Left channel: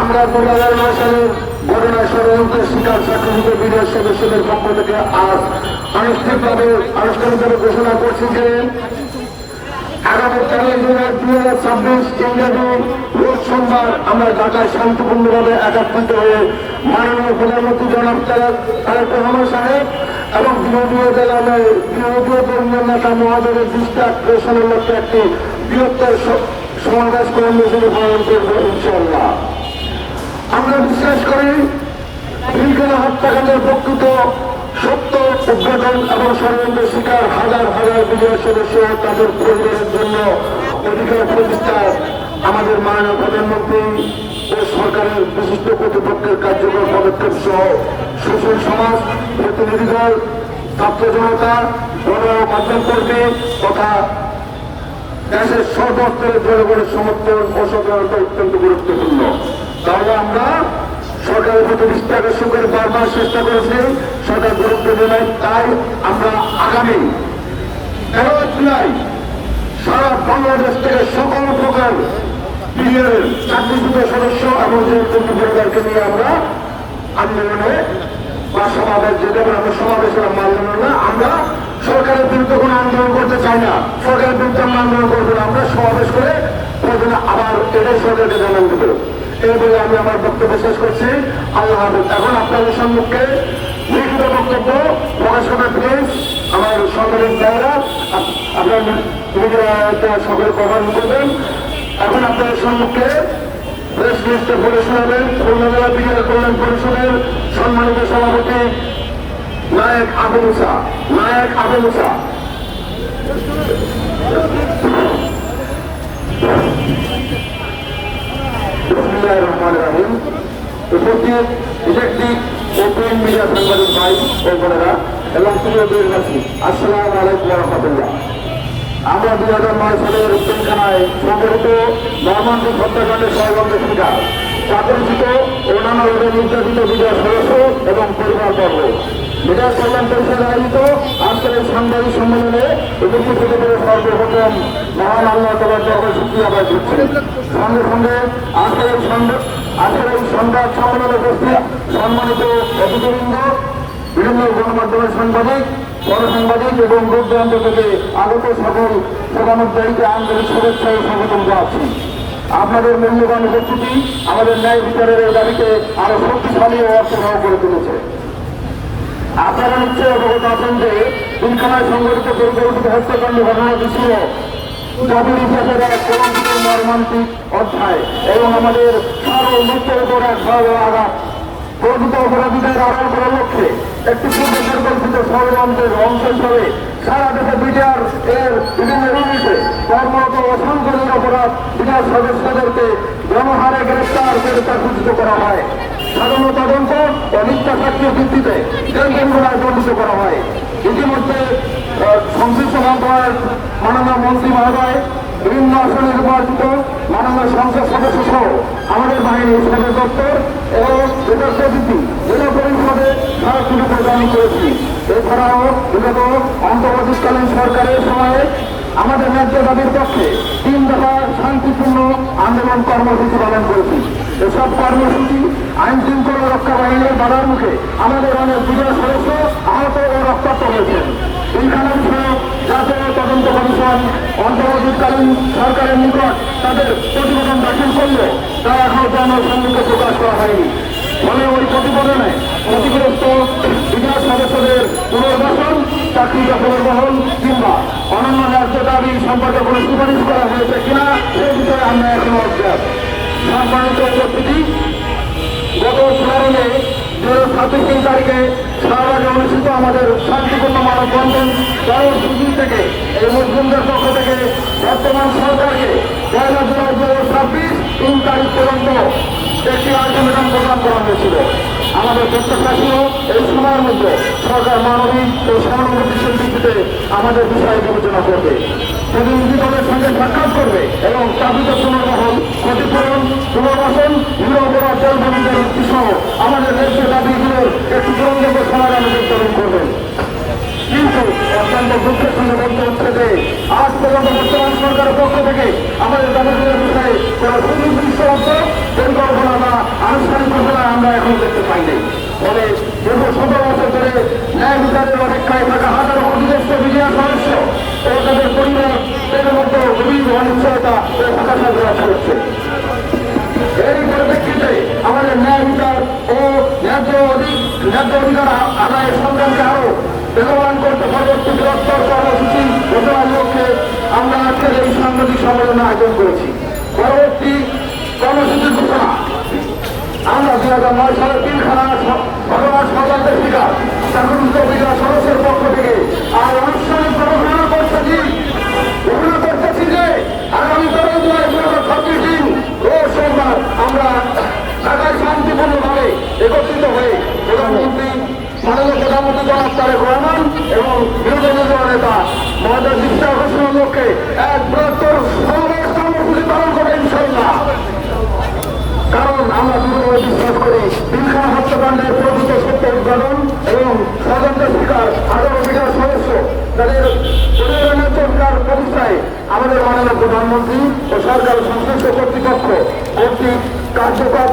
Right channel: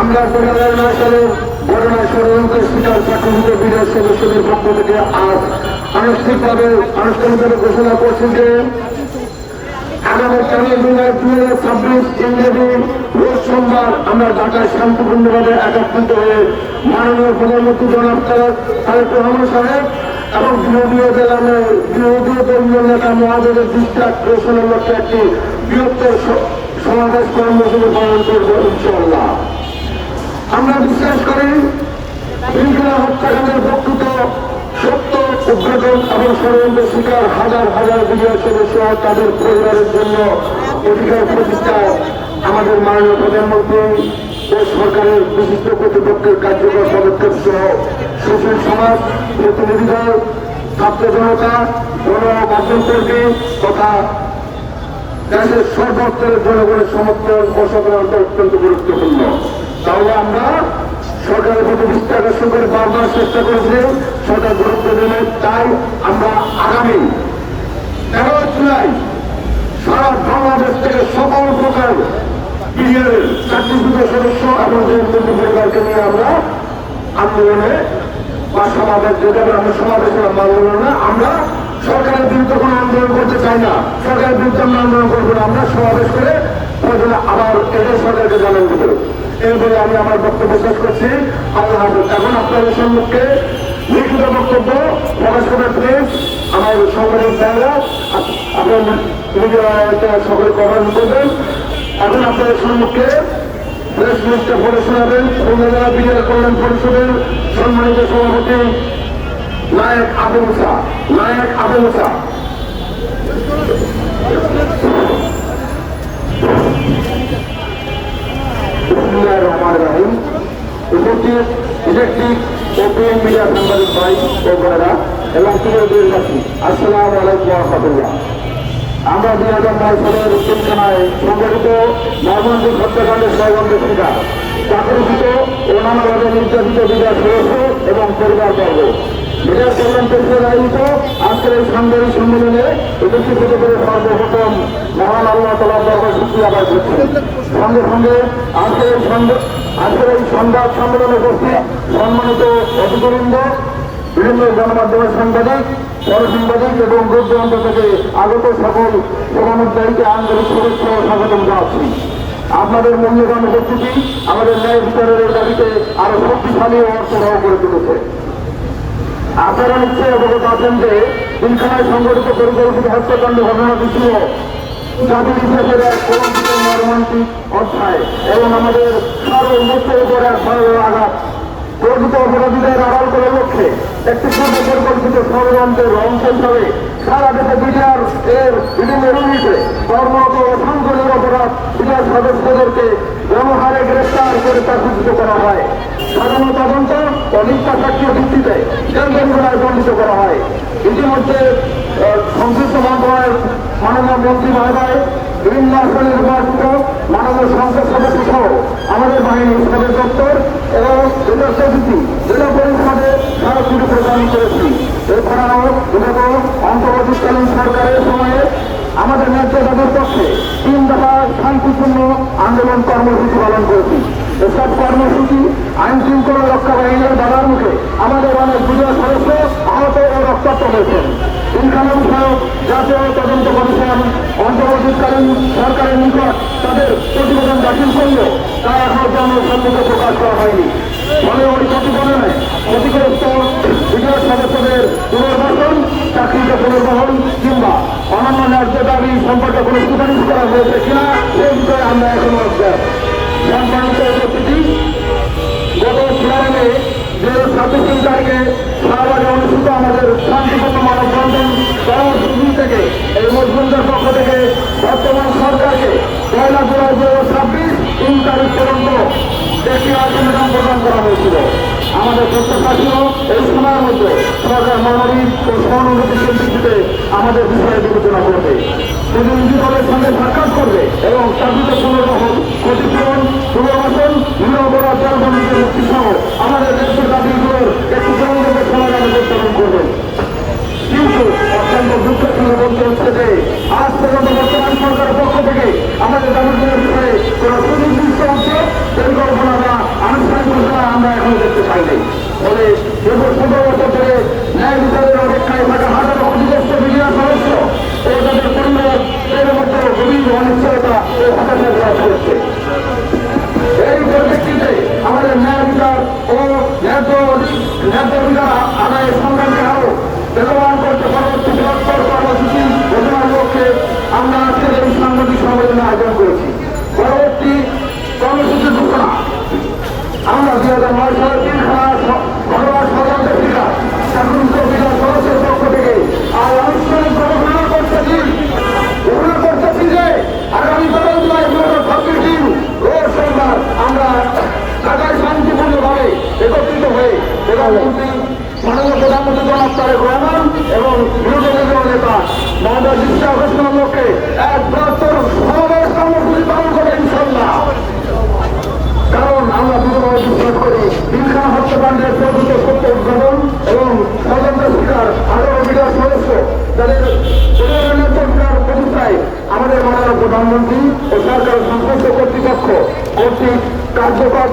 আমরা 2009 সালে বরমা ষড়যন্ত্রের শিকার চাকরিভুক্ত বিদেশ সদস্যদের পক্ষ থেকে আজ আনুষ্ঠানিকভাবে ঘোষণা করছি যে আগামী 4 জুলাই 2026 ইংরেজি রোজ সোমবার আমরা ঢাকায় শান্তিপূর্ণভাবে একত্রিত হয়ে মাননীয় প্রধানমন্ত্রী জনাব তারেক রহমান সাহেব এবং বিরোধী দলীয় নেতা মহাজনের দৃষ্টি আকর্ষণের লক্ষ্যে একটি বৃহত্তর সমাবেশ কর্মসূচি পালন করব ইনশাআল্লাহ। আমরা বিশ্বাস করি পিলখানা হত্যাকাণ্ডের প্রকৃত সত্য উদ্ঘাটন এবং ষড়যন্ত্রের শিকার হাজার হাজার বিজয় সদস্য তাদের পরিবারের জন্য অধিকার প্রতিষ্ঠায় আমাদের মাননীয় প্রধানমন্ত্রী ও সরকারের বিশিষ্ট কর্তৃপক্ষের কার্যকর পদক্ষেপ সহ সুশীল সমাজ, প্রতিনিধি দল, ছাত্র জনতা, গণমাধ্যম কর্মী তথা দেশের সর্বস্তরের জনগণের সমর্থন অসাধারণটা অত্যন্ত গুরুত্বপূর্ণ। তাহলে আমরা সরকারের প্রতি দৃষ্টি আকর্ষণ করে বারবার চেষ্টা করেছি, সেটা গুরুত্ব দেয়। তাই আমরা আগামী 13 জুলাই সারা বাংলাদেশ থেকে সকল প্রকার বিডিআরের চাকরিভুক্ত সদস্য এবং পরিবারকে নিয়ে আমরা আন্দোলনে বা সমাবেশ যেটা আমরা সমাবেশ মানব না, আমরা সরকারের বিরুদ্ধে কোনো আন্দোলন করতে চাই না, সরকারের বিরুদ্ধে আমরা আন্দোলন করবো না, আমরা সমাবেশ করে প্রয়োজনে আবার এদের সরকারকে জানান দেব। এই বলে আমি আমার বক্তব্য শেষ করছি। আল্লাহ হাফেজ। এখন আপনাদের সম্মুখে লিখিত বক্তব্য প্রকাশ করা প্লিজ আমার সকলের দ্বারা আপনার সকলে প্রদান করবেন। এখন আপনাদের সম্মুখে প্রেস মিনিস্টার বলে শোনাবেন খুলনা বিহার কল্যাণ পরিষদের সম্মানিত সভাপতি নায়েক আবু মুসা। উপস্থিত ইলেকট্রিক ও প্রিন্ট মিডিয়া সাংবাদিক ভাই ও বোনেরা এবং দেশবাসী, আসসালামু আলাইকুম ওয়া রাহমাতুল্লাহ। আমরা 2009 সালের পিলখানায় সংঘটিত মর্মান্তিক হত্যাকাণ্ডের ষড়যন্ত্রের শিকার চাকরিচ্যুত ও নানাভাবে নির্যাতিত বিজয় সদস্য এবং পরিবারবর্গ বিরাট কল্যাণ পরিষদ আয়োজিত আজকের এই সাংবাদিক সম্মেলনে উপস্থিত হতে পেরে সর্বপ্রথম মহান আল্লাহ তাআলার দরবারে শুকরিয়া আদায় করছি। সঙ্গে সঙ্গে আজকের এই সংবাদ সম্মেলনে উপস্থিত সম্মানিত অতিথিবৃন্দ, বিভিন্ন গণমাধ্যমের সাংবাদিক, পরসাংবাদিক এবং দূর দূরান্ত থেকে আগত সকল প্রধানোদ্দায়ীকে আন্তরিক শুভেচ্ছা ও স্বাগতম জানাচ্ছি। আপনাদের মূল্যবান উপস্থিতি আমাদের ন্যায় বিচারের দাবিতে আরো শক্তিশালী ও অর্থবহ করে তুলেছে। আপনারা নিশ্চয়ই অবগত আছেন যে পিলখানায় সংঘটিত পরিকল্পিত হত্যাকাণ্ড ঘটনাটি ছিল জাতির ইতিহাসের এক কলঙ্কিত মর্মান্তিক অধ্যায় এবং আমাদের সার্বভৌমত্বের উপর এক ভয়াবহ আঘাত। প্রকৃত অপরাধীদের আড়াল করার লক্ষ্যে একটি পূর্ব পরিকল্পিত ষড়যন্ত্রের অংশ হিসাবে সারা দেশে বিডিআর এর বিভিন্ন ইউনিটে কর্মরত অসংখ্য নিরপরাধ বিডিআর সদস্যদেরকে গণহারে গ্রেফতার করে চাকরিচ্যুত করা হয়। সাধারণ তদন্ত ও মিথ্যা সাক্ষীর ভিত্তিতে জেলখানায় বন্দিত করা হয়। ইতিমধ্যে সংশ্লিষ্ট মন্ত্রণালয়ের মাননীয় মন্ত্রী মহোদয়, বিভিন্ন আসনে নির্বাচিত মাননীয় সংসদ সদস্য সহ আমাদের বাহিনীর সদর দপ্তর এবং জেলা পরিষদে সরাসরি প্রদান করেছি। এছাড়াও বিগত অন্তর্বর্তীকালীন সরকারের সময়ে আমাদের ন্যায্য দাবির পক্ষে 3 দফা শান্তিপূর্ণ আন্দোলন কর্মসূচি পালন করেছি। এসব কর্মসূচি আইন শৃঙ্খলা রক্ষা বাহিনীর বাধার মুখে আমাদের অনেক বিজয় সদস্য আহত ও রক্তাক্ত হয়েছেন। পিলখানা বিষয়ক জাতীয় তদন্ত কমিশন অন্তর্বর্তীকালীন সরকারের নিকট তাদের প্রতিবেদন দাখিল করলেও তা এখনো জনসম্মুখে প্রকাশ করা হয়নি। ফলে ওই প্রতিবেদনে ক্ষতিগ্রস্ত বিজয় সদস্যদের পুনর্বাসন, চাকরিতে পুনর্বহন কিংবা অন্যান্য ন্যায্য দাবি সম্পর্কে কোনো সুপারিশ করা হয়েছে কিনা সে বিষয়ে আমরা এখন অজ্ঞাত। সম্মানিত উপস্থিতি, গত 16 মে 2027 তারিখে শাহবাগে অনুষ্ঠিত আমাদের শান্তিপূর্ণ মানববন্ধন কর্মসূচি থেকে এই মুসলিমদের পক্ষ থেকে বর্তমান সরকারকে 1 জুলাই 2026 3 তারিখ পর্যন্ত একটি আলটিমেটাম প্রদান করা হয়েছিল। আমাদের প্রত্যাশা ছিল এই সময়ের মধ্যে সরকার মানবিক ও সহানুভূতিশীল ভিত্তিতে আমাদের বিষয়ে বিবেচনা করবে, প্রতিনিধিদলের সঙ্গে সাক্ষাৎ করবে এবং চাকরিত পুনর্বাসন, ক্ষতিপূরণ, পুনর্বাসন, নিরপরাধ জলবন্দীদের মুক্তি সহ আমাদের দেশের দাবিগুলোর একটি সংযোগ সমাধান উদ্বোধন করবেন। কিন্তু অত্যন্ত দুঃখের সঙ্গে বলতে হচ্ছে যে আজ পর্যন্ত বর্তমান সরকারের পক্ষ থেকে আমাদের দাবিগুলোর বিষয়ে কোনো সুনির্দিষ্ট অংশ পরিকল্পনা বা নেতারা আদায় সংগ্রামকে আরো বেগবান করতে পরবর্তী বৃহত্তর কর্মসূচি ঘোষণার লক্ষ্যে আমরা আজকের এই সাংবাদিক সম্মেলন আয়োজন করেছি। পরবর্তী কর্মসূচির ঘোষণা আমরা 2009 সালের পিলখানা ভগবান সদর শিকার শাসন কবিরা সদস্যের পক্ষ থেকে আর আনুষ্ঠানিক ঘোষণা করতেছি যে আগামী 26 দিন রোজ সোমবার আমরা ঢাকায় শান্তিপূর্ণভাবে একত্রিত হয়ে প্রধানমন্ত্রী মাননীয় প্রধানমন্ত্রী জনাব তারেক রহমান এবং বিরোধী দলীয় নেতা মমতা বিশ্বাস ঘোষণার লক্ষ্যে এক বৃহত্তর সমাবেশ কর্মসূচি পালন করবে ইনশাল্লাহ। কারণ আমরা দৃঢ়ভাবে বিশ্বাস করি পিলখানা হত্যাকাণ্ডের প্রকৃত সত্য উদ্ঘাটন এবং তদন্তের শিকার 18 বিঘা সদস্য তাদের চমৎকার প্রতিষ্ঠায় আমাদের মাননীয় প্রধানমন্ত্রী ও সরকার সংশ্লিষ্ট কর্তৃপক্ষ কর্তৃক কার্যকর